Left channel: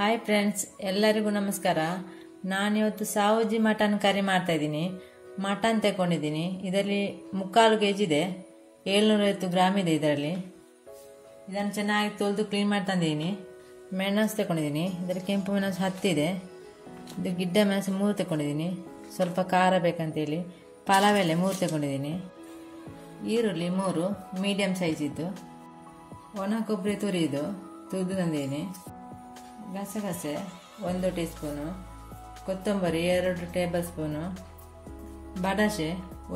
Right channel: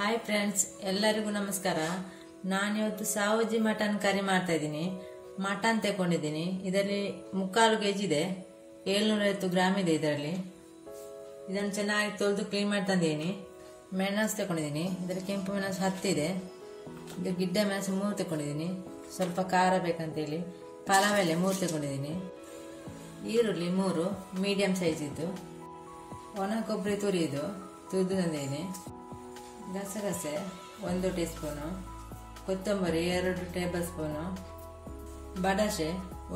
Hi friends, ಎಲ್ಲರಿಗೂ ನಮಸ್ಕಾರ. ನಾನಿವತ್ತು ಸಾವಜಿ ಮಟನ್ ಕರಿ ಮಾಡ್ತಾ ಇದ್ದೀನಿ. ಮಟನ್ ತಗೊಂಡಿದ್ದೀನಿ. ಇದರಲ್ಲಿ 3/4 kg ಇದೆ, 750 ಗ್ರಾಮ್ ಇದೆ. ಇದನ್ನು ಚೆನ್ನಾಗಿ ತೊಳೆದು ಕ್ಲೀನ್ ಮಾಡಿ ತಂದಿದ್ದೀನಿ. ಮೆಣಸು ತಗೊಂಡಿದ್ದೀನಿ. ಇದರಲ್ಲಿ ಕೆಂಪು ಮೆಣಸು 10 ಇದೆ. ಇದು ಗಿಡ್ಡ ಮೆಣಸು 3 ತಗೊಂಡಿದ್ದೀನಿ. ಸ್ವಲ್ಪ ಖಾರ ಬೇಕಂತೇಳಿ ಪಲಾವ್ ಎಲೆ 3 ತಗೊಂಡಿದ್ದೀನಿ. ಈರುಳ್ಳಿ 3 ಮೀಡಿಯಂ ಸೈಜ್ ಇದ್ದು. ಒಣ ಕೊಬ್ಬರಿ ತುರಿದು ತಂದಿದ್ದೀನಿ. ಗಸಗಸೆ 1 ಟೀ ಸ್ಪೂನು, ಕೊತ್ತಂಬರಿ 2 ಟೇಬಲ್ ಸ್ಪೂನು, ಬಡಸೆ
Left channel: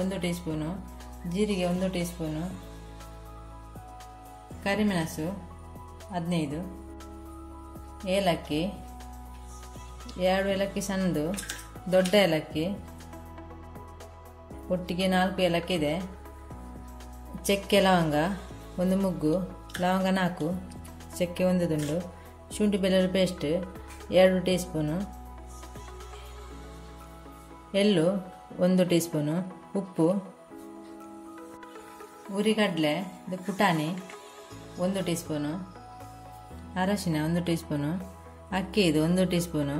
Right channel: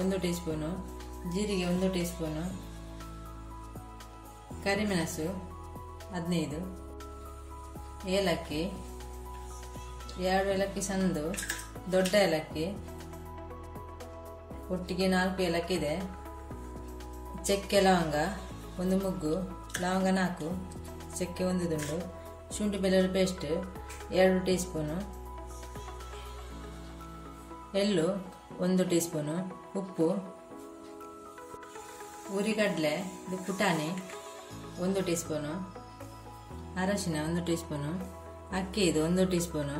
1 ಟೀ ಸ್ಪೂನು, ಜೀರಿಗೆ 1 ಟೀ ಸ್ಪೂನು, ಕರಿಮೆಣಸು 15, ಏಲಕ್ಕಿ 2 ಏಲಕ್ಕಿ ಸಣ್ಣದು, ದೊಡ್ಡ ಏಲಕ್ಕಿ ಒಟ್ಟಿಗೆ 4 ಏಲಕ್ಕಿ ಇದೆ. ಚಕ್ಕೆ ಲವಂಗ 1 ಮುಗ್ಗು, ಲವಂಗ 4, ಚಕ್ಕೆ 1 ದುಂಡು, ಶುಂಠಿ ಬೆಳ್ಳುಳ್ಳಿ ಪೇಸ್ಟ್ 2 ಟೀ ಸ್ಪೂನು, ಎಳ್ಳು 1 ಟೀ ಸ್ಪೂನು, ಉಪ್ಪು, ಉರಿಗಡಲೆ ಇದು ಪುಟಾಣಿ 1 ಟೀ ಸ್ಪೂನು, ಅರಶಿನ 1 ಟೀ ಸ್ಪೂನು, ಅಕ್ಕಿ ಇದು 1 ಟೀ ಸ್ಪೂನು,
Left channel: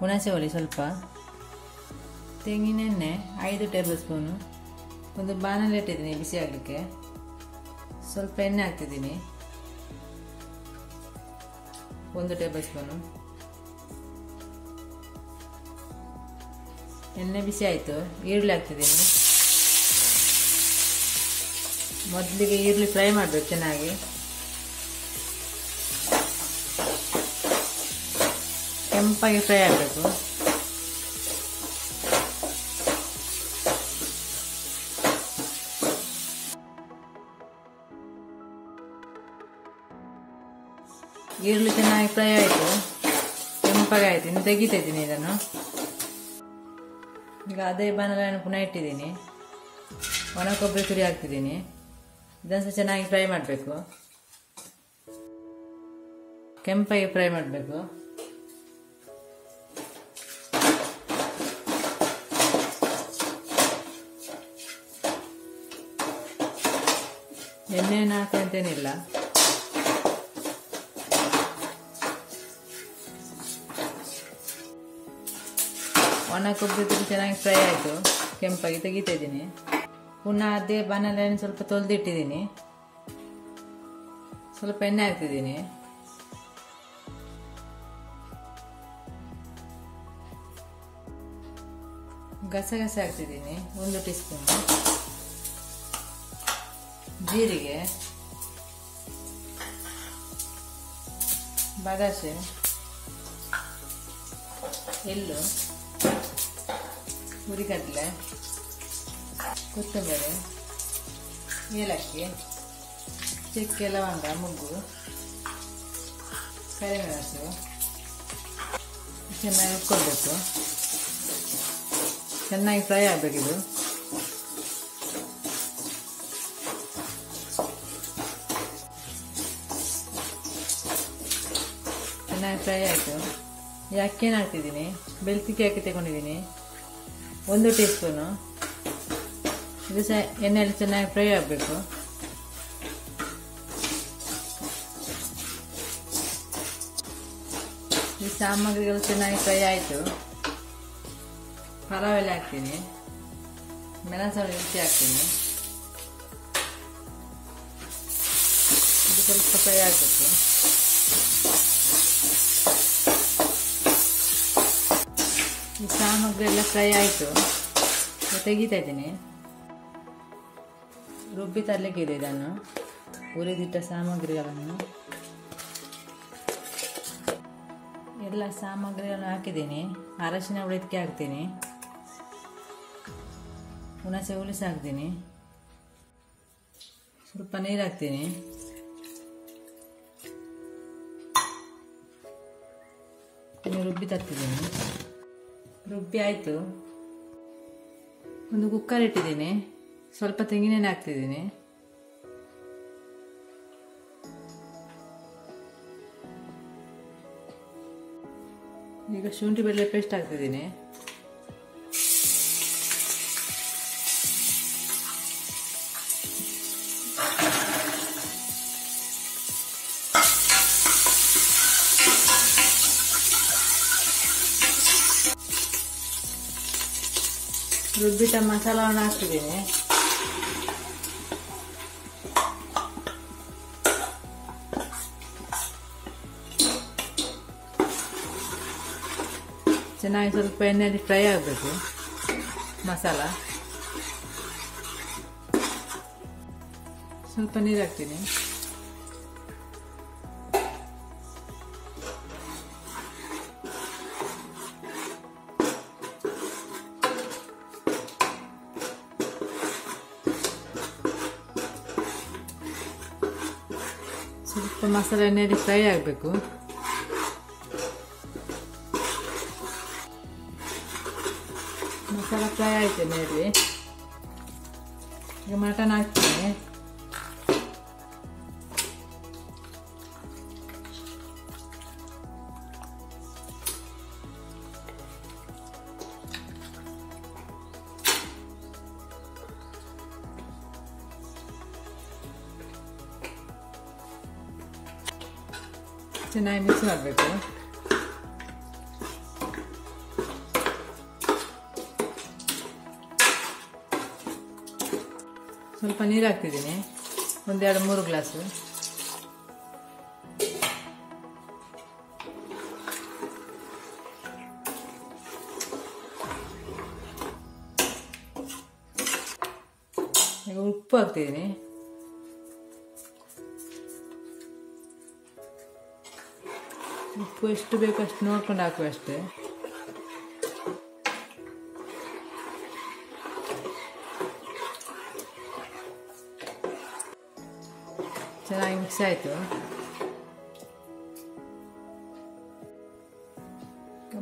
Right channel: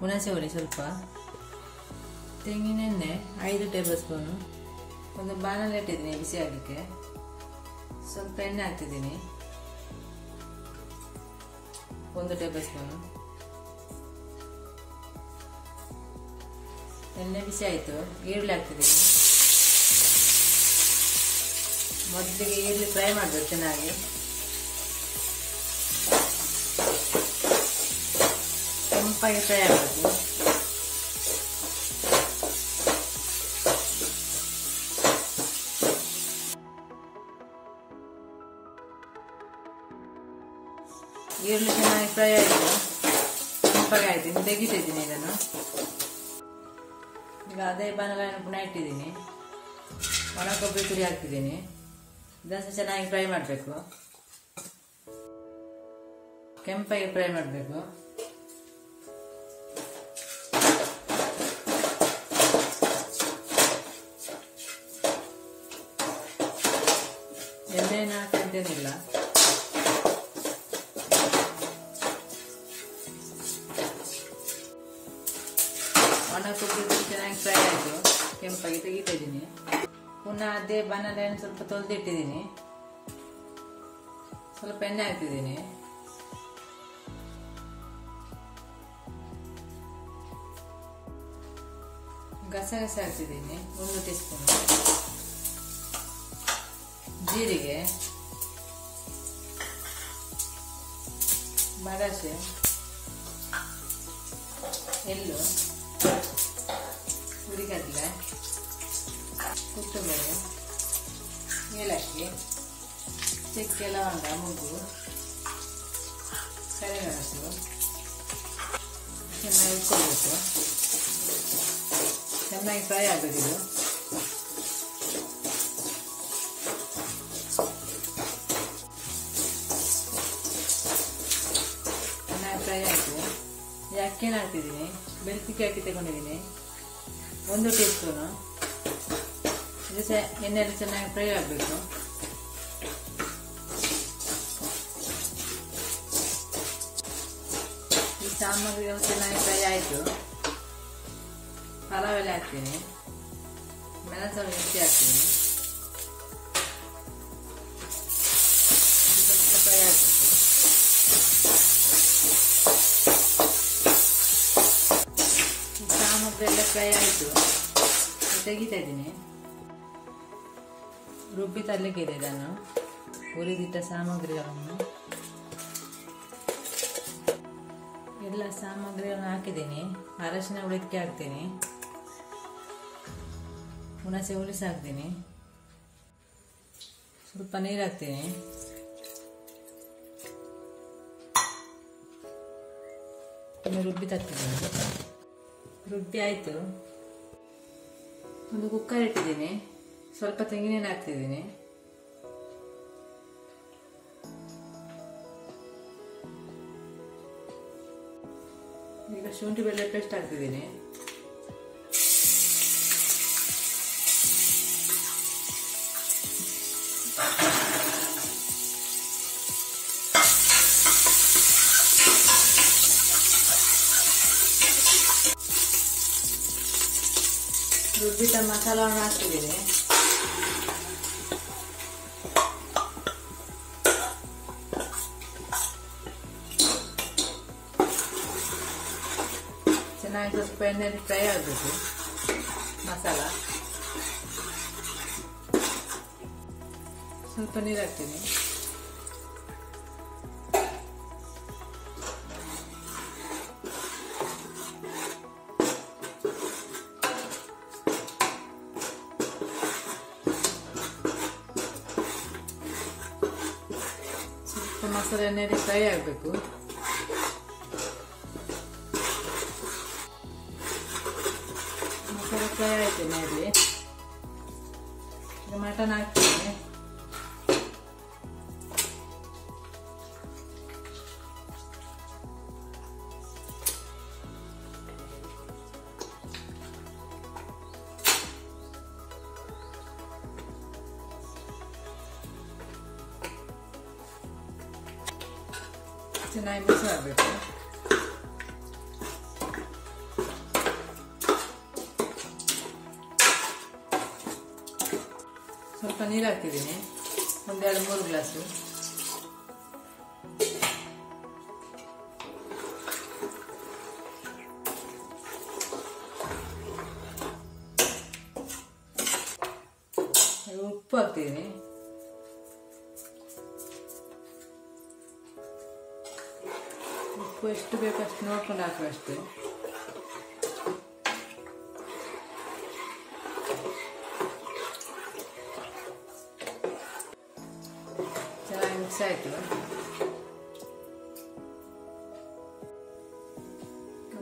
ಹುಣಸೆ ಹುಳಿ ಸ್ವಲ್ಪ, ತೆಂಗಿನೆಣ್ಣೆ 5 ಟೇಬಲ್ ಸ್ಪೂನು. ಒಂದು ಬಾಣಲೆ ಇಟ್ಟಿದ್ದೀನಿ ಬಿಸಿ ಆಗಲಿಕ್ಕೆ. ಸ್ವಲ್ಪ ಎಣ್ಣೆ ಹಾಕ್ತಿದ್ದೀನಿ 1 ಟೇಬಲ್ ಸ್ಪೂನು. ಎಣ್ಣೆ ಬಿಸಿ ಆಯಿತು. ಈರುಳ್ಳಿ ಹಾಕ್ತಿದ್ದೀನಿ. ಮೊದಲಿಗೆ ಈರುಳ್ಳಿ ಫ್ರೈ ಮಾಡಬೇಕು ಚೆನ್ನಾಗಿ. ಕೆಂಪಾಗಿ ಫ್ರೈ ಆಗಬೇಕು. ಈರುಳ್ಳಿ ಚೆನ್ನಾಗಿ ಫ್ರೈ ಆಯಿತು, ಕೆಂಪಾಗಿ ಆಯಿತು. ಇನ್ನು ತೆಗಿತಾ ಇದ್ದೀನಿ ಇದನ್ನು. ಈಗ ಅದೇ ಬಾಣಲೆಯನ್ನು ಪುನಃ ಇಟ್ಟಿದ್ದೀನಿ. ಒಣ ಕೊಬ್ಬರಿ ತುರಿ ಹಾಕ್ತಿದ್ದೀನಿ. ಇದನ್ನು ಸಹ ಚೆನ್ನಾಗಿ ಫ್ರೈ ಮಾಡಬೇಕು. ಕೆಂಪಾಗಿ ಫ್ರೈ ಮಾಡಬೇಕು. ಎಣ್ಣೆನ ಹಾಕಂತೇನಿಲ್ಲ. ಒಣ ಕೊಬ್ಬರಿ ತುರಿ ಚೆನ್ನಾಗಿ ಫ್ರೈ ಆಯಿತು, ಕೆಂಪಾಗಿ ತೆಗಿತಾ ಇದ್ದೀನಿ. ಪುನಃ ಅದೇ ಬಾಣಲೆಯನ್ನು ಸ್ವಲ್ಪ ತೊಳೆದಿಟ್ಟಿದ್ದೀನಿ. ಸ್ವಲ್ಪ ಎಣ್ಣೆ ಹಾಕ್ತಿದ್ದೀನಿ. ಗಸಗಸೆ ಹಾಕ್ತಿದ್ದೀನಿ 1 ಟೀ ಸ್ಪೂನ್, ಜೀರಿಗೆ, ಬಡಸೆ, ಎಳ್ಳು, ಹುರಿಗಡಲೆ, ಕೊತ್ತಂಬರಿ, ಏಲಕ್ಕಿ, ಚಕ್ಕೆ ಲವಂಗ ಮುಗ್ಗು, ಕರಿಮೆಣಸು ಚೆನ್ನಾಗಿ ಇಟ್ಕೊಳ್ಬೇಕು. ಚೆನ್ನಾಗಿ ಫ್ರೈ ಆಗಬೇಕಿದು. ಚೆನ್ನಾಗಿ ಫ್ರೈ ಆಯಿತು. ಈ ಅಕ್ಕಿನ ಹಾಕ್ತಿದ್ದೀನಿ. ಬೆಳ್ತಿಗೆ ಅಕ್ಕಿ ತಗೊಂಡಿದ್ದೀನಿ 1 ಟೀ ಸ್ಪೂನು. ಇದು ಸಹ ಎಣ್ಣೆಯಲ್ಲಿ ಚೆನ್ನಾಗಿ ಫ್ರೈ ಆಗಬೇಕು. ಈ ಸಾಮಗ್ರಿಗಳು ಚೆನ್ನಾಗಿ ಫ್ರೈ ಆಯಿತು. ಪಲಾವ್ ಎಲೆ ಹಾಕ್ತೀನಿ. ಮೆಣಸು ಮಿರ್ಚಿ ಹಾಕ್ತೀನಿ. ಇದು ಸ್ವಲ್ಪ ಫ್ರೈ ಆಗಬೇಕು. ಈ ಸಾಮಗ್ರಿ ಎಲ್ಲ ಫ್ರೈ ಆಯಿತು. ತೆಗಿತಾ ಇದ್ದೀನಿ. ರುಬ್ಬಿ ತರಲಿಕ್ಕೆ ಇದೆ. ಇದನ್ನು ಹುರಿದಿಟ್ಟ ಸಾಮಗ್ರಿಗಳನ್ನು ಎಲ್ಲ ಸಾಮಗ್ರಿಗಳನ್ನು ಹಾಕಿದ್ದೀನಿ. ಅರಶಿನ ಹುಳಿದಕ್ಕೆ ಹಾಕ್ತೀನಿ. ಹುಣಸೆ ಹುಳಿ ಹಾಕ್ತೀನಿ. ಸ್ವಲ್ಪ ನೀರು ಹಾಕ್ತೀನಿ. ಇನ್ನು ರುಬ್ಬಿ ತರ್ತಿದ್ದೀನಿ. ರುಬ್ಬಿ ಆಯಿತು. ಒಂದು ಕುಕ್ಕರ್ ಇಟ್ಟಿದ್ದೀನಿ. ಸ್ವಲ್ಪ ತೆಂಗಿನೆಣ್ಣೆ ಹಾಕ್ತಿದ್ದೀನಿ. ಈಗ ಶುಂಠಿ ಬೆಳ್ಳುಳ್ಳಿ ಪೇಸ್ಟ್ ಹಾಕ್ತಿದ್ದೀನಿ. ರುಬ್ಬಿದ ಮಸಾಲವನ್ನು ಹಾಕ್ತಿದ್ದೀನಿ. ಚೆನ್ನಾಗಿ ಸ್ವಲ್ಪ ಎಣ್ಣೆಯಲ್ಲಿ ಫ್ರೈ ಆಗಬೇಕು ಮಸಾಲ. ಸ್ವಲ್ಪ ನೀರು ಹಾಕ್ತೀನಿ. ಸ್ವಲ್ಪ ಮಸಾಲೆ ಎಣ್ಣೆಯಲ್ಲಿ ಫ್ರೈ ಆಗಬೇಕು. ಮಸಾಲ ಫ್ರೈ ಆಯ್ತು ಎಣ್ಣೆಯಲ್ಲಿ. ಈಗ ಮಟನ್ ಹಾಕ್ತೀನಿ. ಚೆನ್ನಾಗಿ ಮಿಕ್ಸ್ ಮಾಡಬೇಕು. ಸ್ವಲ್ಪ ನೀರು ಹಾಕ್ತಿದ್ದೀನಿ, 1-2-3 ಗ್ಲಾಸು. ಈಗ ಉಪ್ಪು ಹಾಕ್ತಿದ್ದೀನಿ. ಉಪ್ಪು ಎಷ್ಟು ಬೇಕು ಅಷ್ಟು ನೋಡ್ಕೊಂಡು ಹಾಕುವ ಅಷ್ಟೇ. ಚೆನ್ನಾಗಿ ಮಿಕ್ಸ್ ಆಯಿತು.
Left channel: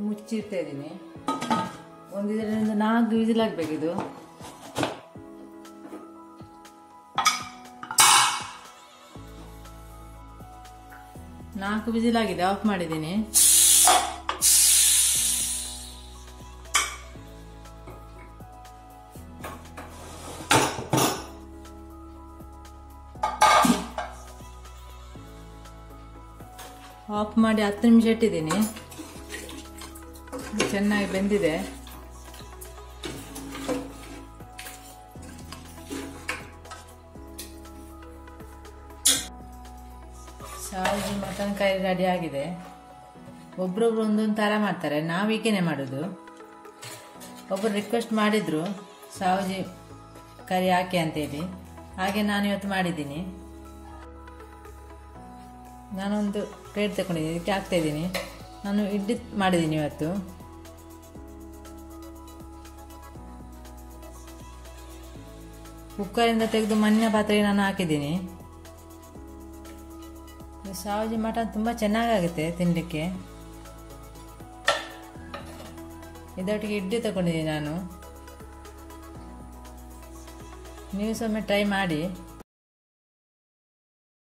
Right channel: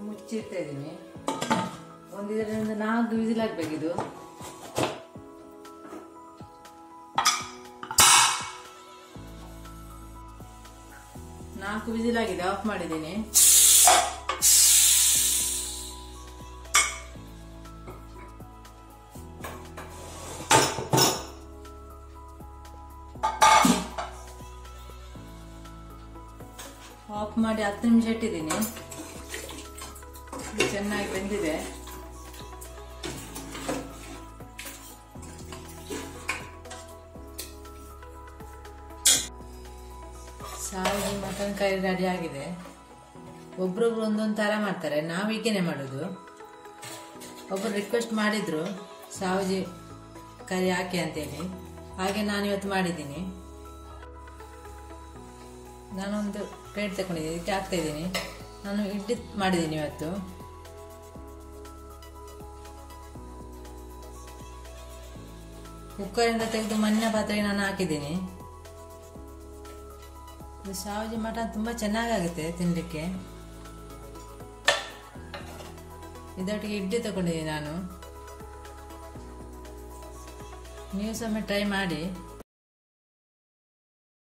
ಮುಚ್ಚಿಡ್ತಾ ಇದ್ದೀನಿ. 1-4 ವಿಸಿಲ್ ಆಗಬೇಕಿದು. ನಾಲ್ಕು ವಿಸಿಲ್ ಆಗಿದೆ, ಆಫ್ ಮಾಡಿದ್ದೀನಿ. ಆಫ್ ಮಾಡಿ 10 ನಿಮಿಷ ಇಟ್ಟಿದ್ದೀನಿ. ಚೆನ್ನಾಗಿ ಬೆಂದಿದೆ. ಸಾವಜಿ ಮಟನ್ ಕರಿ ರೆಡಿ ಆಗಿದೆ. ಒಬ್ರೊಬ್ರು ಒಂದೊಂದು ಥರ ಮಾಡ್ತಾರೆ, ನಾವು ಹೀಗೇನೆ ಮಾಡೋದು. ಒಬ್ಬರು ರಿಕ್ವೆಸ್ಟ್ ಮಾಡಿದ್ರು ಸಾವಜಿ ಕರಿ ಹಾಕಿ ಅಂತೇಳಿ, ಹಾಗೆ ನಾನು ಇವತ್ತು ಮಾಡಿದ್ದೀನಿ. ನಾನೊಂದು ಪ್ಲೇಟ್ ತಗೊಂಡಿದ್ದೀನಿ, ಇದಕ್ಕೆ ಹಾಕ್ತಾ ಇದ್ದೀನಿ. ನಾನು ಇಡ್ಲಿ ಮಾಡಿದ್ದೀನಿ ಇವತ್ತು. ಕುಕ್ಕರಿಂದ ತೆಗೆದು ಮಣ್ಣಿನ ಪಾತ್ರೆಗೆ ನಾನು ಹಾಕಿದ್ದೀನಿ. ಸಾವಜಿ ಮಟನ್ ತುಂಬ ಚೆನ್ನಾಗಾಗುತ್ತೆ ತಿನ್ನಲಿಕ್ಕೆ. ಇದೊಟ್ಟಿಗೆ ಇಡ್ಲಿ ತಗೊಂಡಿದ್ದೀನಿ ನಾನು. ನೀವು ಸೊಮ್ಮೆ ಟ್ರೈ ಮಾಡಿ.